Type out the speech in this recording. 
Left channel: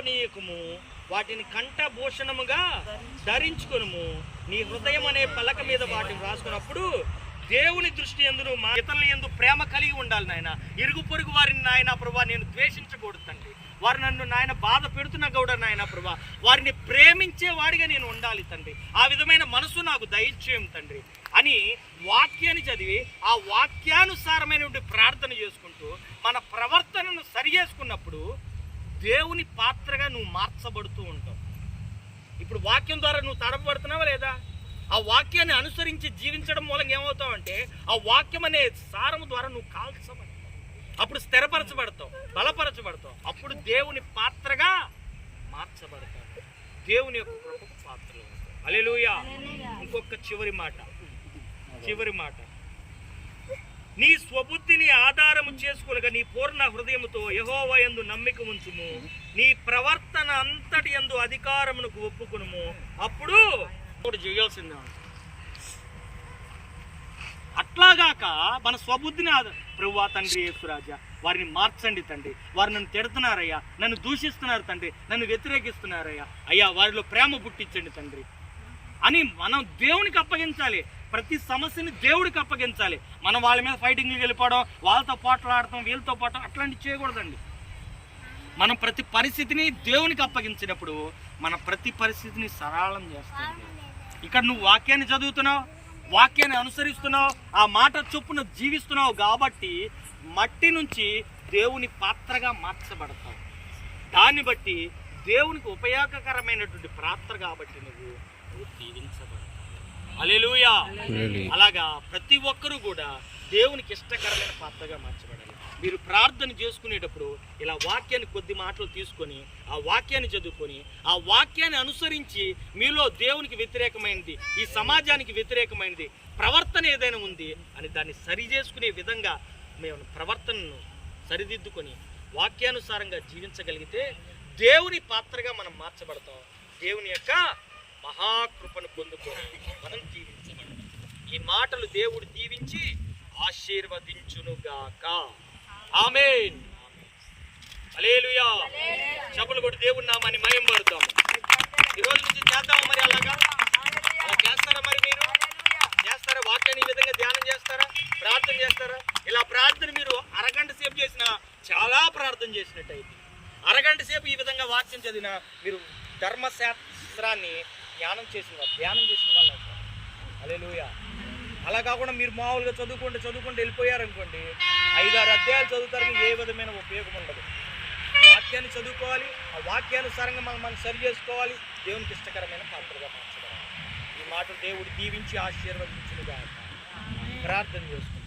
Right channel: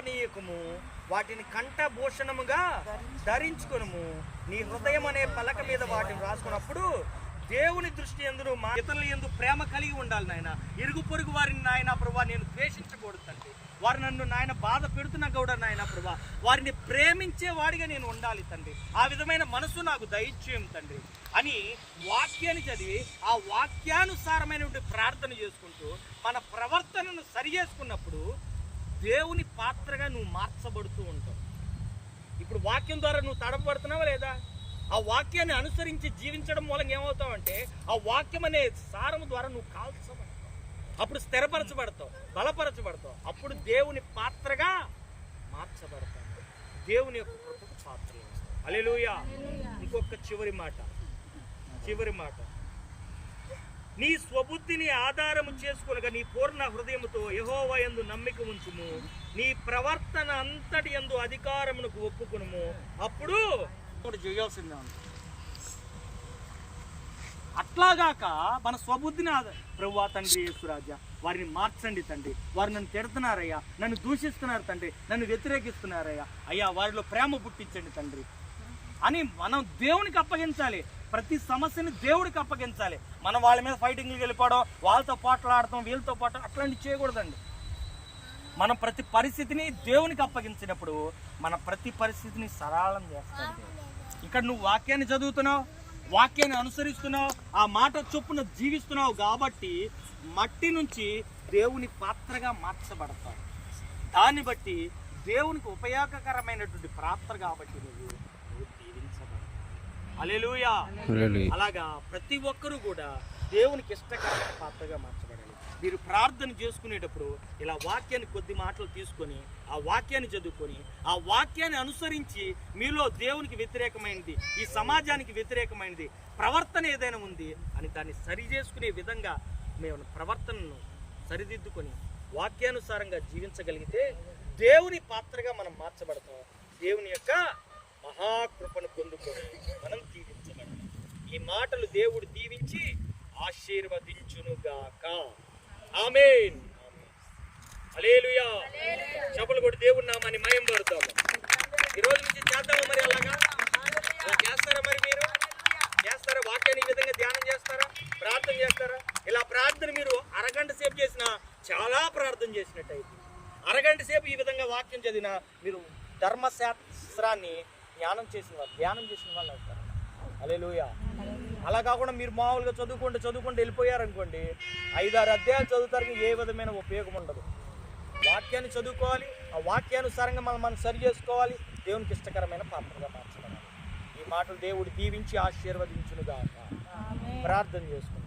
మరువనీయకము వాటిని కంఠభూషణముగా ధరించుకొనుము. నీ హృదయం అనే పలక మీద వాటిని రాసుకున్నప్పుడు దేవుని దృష్టి ఎందును మా ఇతరుల ఎందు ప్రేమ కలిగి ఉండాలి నాయన. ఇరుగు పొరుగు వారిని నాయన ప్రభా నేను ద్వేషించకూడదు తండ్రి వారు నన్ను నాయన బాధ పెడుతున్న గౌడ నాయన ప్రభా వారిని ప్రేమించే వాడిగా నేను ఉండాలి తండ్రి. ఆ విధమైన మనసు నాకు దయచేయం తండ్రి. అని వాక్యాన్ని చదివి ఆ వాక్యానుసారమైనటువంటి ప్రార్థన చేసుకుంటూ మన ప్రవర్తనను సరి చేసుకున్నప్పుడు దేవుని పాత్రగా నువ్వు మార్చబడుతూ ఉంటావు. ఇప్పుడు వాక్యం ద్వారా నువ్వు తడపబడుతున్నావా లేదా? ఆ వాక్యాన్ని అనుసరించి జీవించడం మూలంగా ఏమవుతావు ఆ వాక్యం అనే సారము ద్వారా నువ్వు కాల్చబడతావు. అప్పుడు స్థిరపరచబడతావు బలపరచబడతావు. అప్పుడు దేవుని పాత్రగా మార్చబడతావు. దేవుని యొక్క కృపకు పాత్రలు ఉంటావు. అలెలుయా ఇంకొక చివరి మాట. చివరి మాట. నీ స్వబుద్ధిని ఆధారము చేసుకునక నీ పూర్ణ హృదయముతో యహోవా ఎందు నమ్మిక ఉంచుము. నీ ప్రవర్తన అంతటి యందు అధికారమునకు ఒప్పుకునుము. అప్పుడు చేయాల్సిందే అట్లాగాక మన స్వబుద్ధిని ఆధార ప్రభువా తండ్రి యేసురాజా వారిని మార్చండి తండ్రి. వారు నన్ను తిడుతున్నారయ్యా నన్ను దూషిస్తున్నారు తండ్రి నన్ను వ్యతిరేకిస్తున్నారయ్యా. అయ్యా వారిలో ప్రేమ పుట్టించండి తండ్రి. అని మనం దేవునికి అప్పగించాలి. ప్రతి సమస్యని దేవుడికి అప్పగించాలి. మనం వాళ్ళ మీద ఫైటింగ్కి వెళ్ళిపోవడం వాళ్ళతో పోట్లాడటం వీళ్ళతో పోవడం అట్లాంటివి చేయకూడదండి. మనం ప్రతి పరిస్థితిని దేవునికి అప్పగించినప్పుడు మన ప్రతి పరిస్థితిని సరళం చేస్తాం. ఇక్కడ నువ్వు వాక్యాన్ని చదువుతున్నావు వాక్యాన్ని అనుసరిస్తున్నావు ఆ మాట చొప్పున జీవిస్తున్నావు కాబట్టి మట్టి నుంచి దేవుని పాత్రగా మార్చబడతావు. దాన్ని బట్టి దేవునికి ఉపయోగకరమైనటువంటి పాత్ర కాబట్టి నువ్వు నువ్వు దీవించబడతావు అలెలుయా అలాగా ప్రతి ఒక్కరూ కూడా దేవునికి ఇష్టకరమైన పాత్రగా మార్చబడాలి. మీరు ప్రార్థన చేసుకునేటప్పుడు ఇలా వాక్యాన్ని కొద్ది మాటలు తీసుకొని ఆ వాక్యాన్ని చదువుకొని ఆ వాక్యాన్ని అనుసరించి మీలో దేవునికి వ్యతిరేకమైనది ఈ సమాజానికి వ్యతిరేకమైనది ప్రవర్తన ఏదైనా ఉంది అని దాన్ని సరి చేసుకునే విధంగా మేము ప్రవర్తనను సరిదిద్దుకొని వాక్యానుసారంగా జీవించగలిగితే దేవుని పాత్రగా మనం మార్చబడతాం. దేవుని యొక్క మహాకృపను పొందుకొని మనం జీవించబడతాం. ఈ మాటలు దేవుడు దీవించి ఆశీర్వదించునుగాక. ఆమెన్. అలేలుయా చెప్పులు కొట్టి దేవుడు నామాన్ని మయం పడతాము ఈ రోజు నుంచి చేద్దాము మరి అలాగా? అలా చేస్తారా మరి మీరు? చేస్తారా? వాక్యాన్ని ఈ విధంగా ధ్యానం చేస్తారా? ప్రార్థన చేస్తారా? ఇలా ప్రార్థన మీరు అరగంట సేపు చేసిన చాలా ప్రార్థన చేసినట్టు అయితే అరగంట సేపు ఈ విధంగా వాక్యం చదివిన మీరు ధర్మశాస్త్రాన్ని ధ్యానం చేసిన వాళ్ళు ధ్యానం చేసిన వాళ్ళు అవుతారు. లూయ అలా కాకుండా మీరు మామూలుగా చదువుకుంటే చదువుకుంటే వెళ్ళిపోయారనుకోండి ఐదారు అధ్యాయాలు చదువుతారు ఏ విధమైన ఉపయోగం ఉండదు. వాక్యాన్ని చదువుకోవాలి ఆ వాక్యానుసారంగా మనం మనం సరి చేసుకోవాలి దేవునికి ఇష్టకరమైన పాత్రగా మార్చడం. ఈ మాటలు దేవుడు దీవించి ఆశీర్వదించినగా ప్రార్థన చేసుకోవాలి